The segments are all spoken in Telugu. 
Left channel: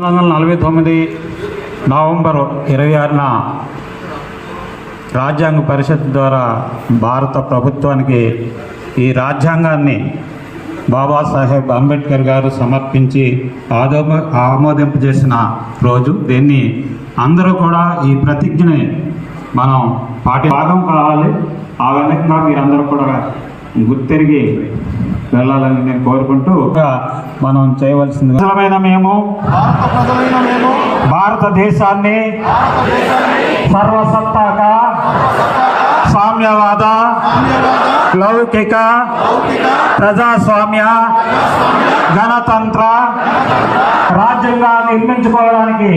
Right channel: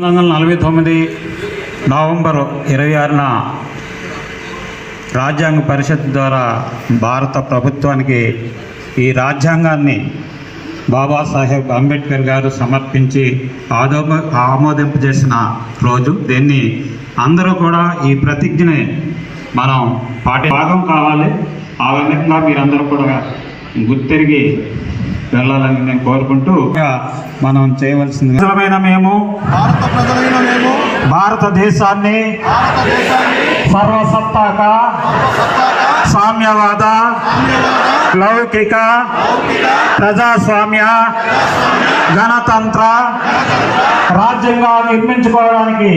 పంతొమ్మిది వందల నలభై తొమ్మిది నవంబర్ ఇరవై ఆరున రాజ్యాంగ పరిషత్ ద్వారా భారత ప్రభుత్వానికి ఈ రాజ్యాంగాన్ని బాబాసాహెబ్ అంబేద్కర్ గారు సమర్పించి ఆదోమ ఆమోదింపు చేసిన రోజు. దీన్ని అందరూ కూడా ఈ ప్రతిజ్ఞని మనం పాటి భాగం కావాలి. ఆ విధంగా మీరందరూ కూడా గుర్తెరిగి వెళ్ళాలని నేను కోరుకుంటూ మనం చేయవలసింది మేము భారత ప్రజలైన మేము భారతదేశాన్ని సర్వసత్తాక సామ్యవాద లౌకిక ప్రజాస్వామ్య గణతంత్ర రాజ్యంగా నిర్మించుకోవడానికి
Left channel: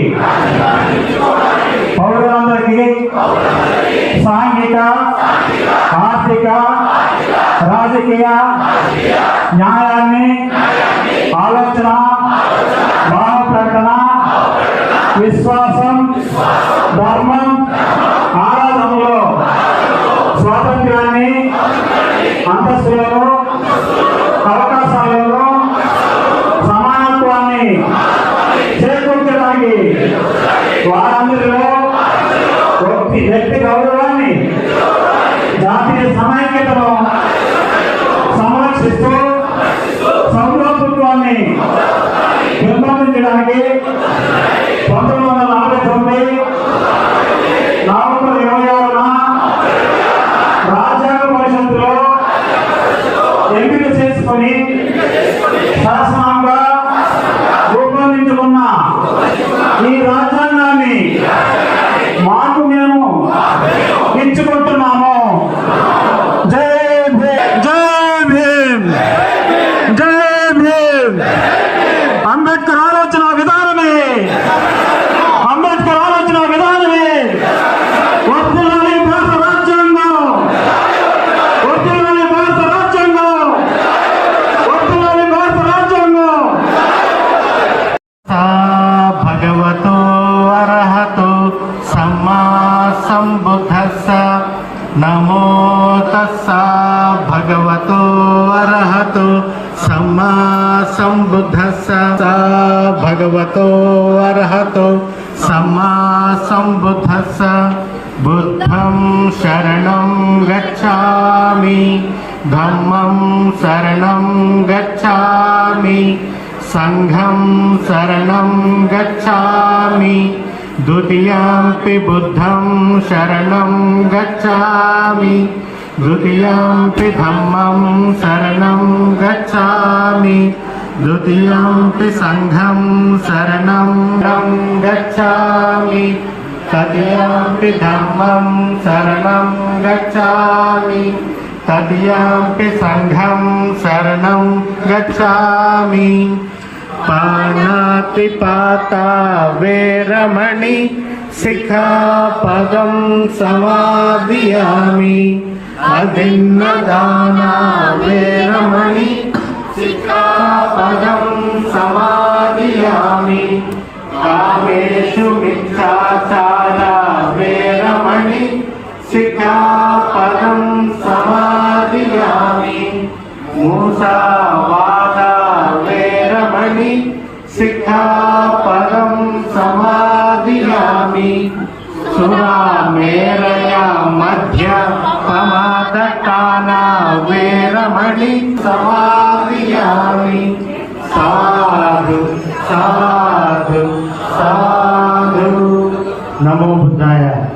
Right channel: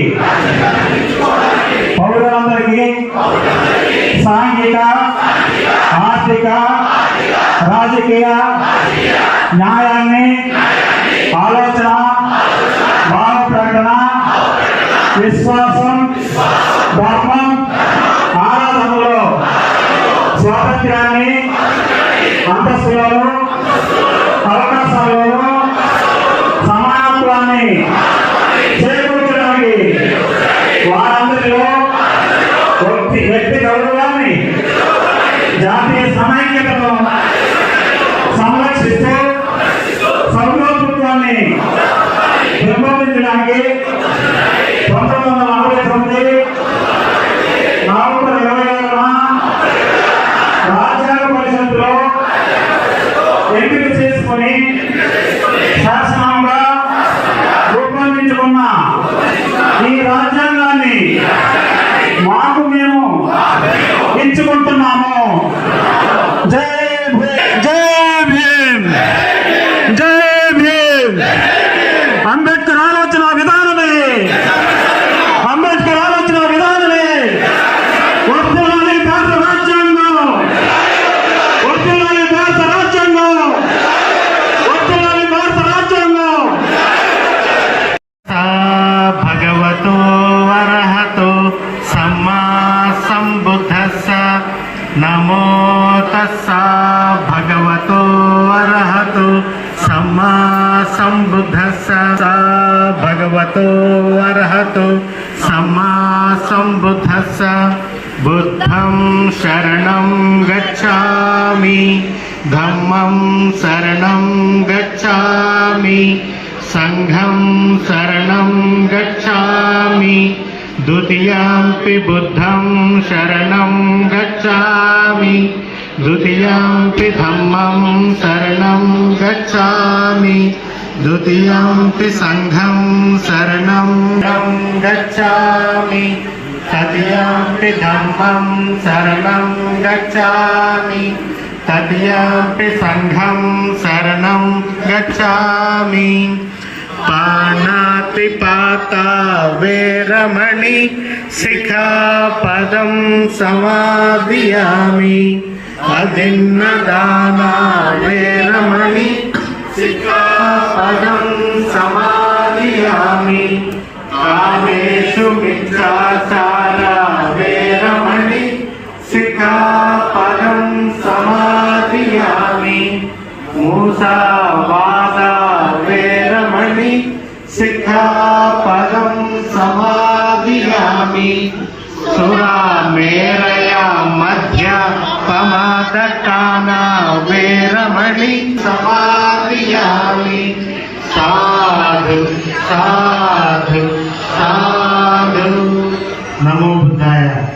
పౌరులందరికీ సాంఘిక ఆర్థిక రాజకీయ న్యాయాన్ని ఆలోచన భావ ప్రకటన విశ్వాసం ధర్మం ఆరాధనలో స్వాతంత్ర్యాన్ని అంతస్తులను అవకాశాలను సమానత్వాన్ని చేకూర్చడానికి వారందరిలో వ్యక్తి వ్యక్తి గౌరవాన్ని జాతీయ సమైక్యతను సంరక్షిస్తూ नमो तस्सा भगवतो अरहतो सम्मा सम्बुद्धस्स सा भगवतो अरहतो सम्मा सम्बुद्धस्स बुद्धं शरणं गच्छामि धम्मं शरणं गच्छामि सङ्घं शरणं गच्छामि द्वितीयम्पि बुद्धं शरणं गच्छामि द्वितीयम्पि धम्मं शरणं गच्छामि द्वितीयम्पि सङ्घं शरणं गच्छामि तृतीयम्पि धम्मं शरणं गच्छामि तदीयम्पि सङ्घं शरणं गच्छामि पाणातिपाता वेरमणि शिखापदं समाधियामि अदिन्नदाना वेरमणि शिखापदं समाधियामि कामेषु मिथ्याचारा वेरमणि शिखापदं समाधियामि मूसावादा वेरमणि शिखापदं समाधियामि सुरामेरया मध्य पमादकाना वेरमणि समाधियामि साधु साधु साधु नमो बुद्धाय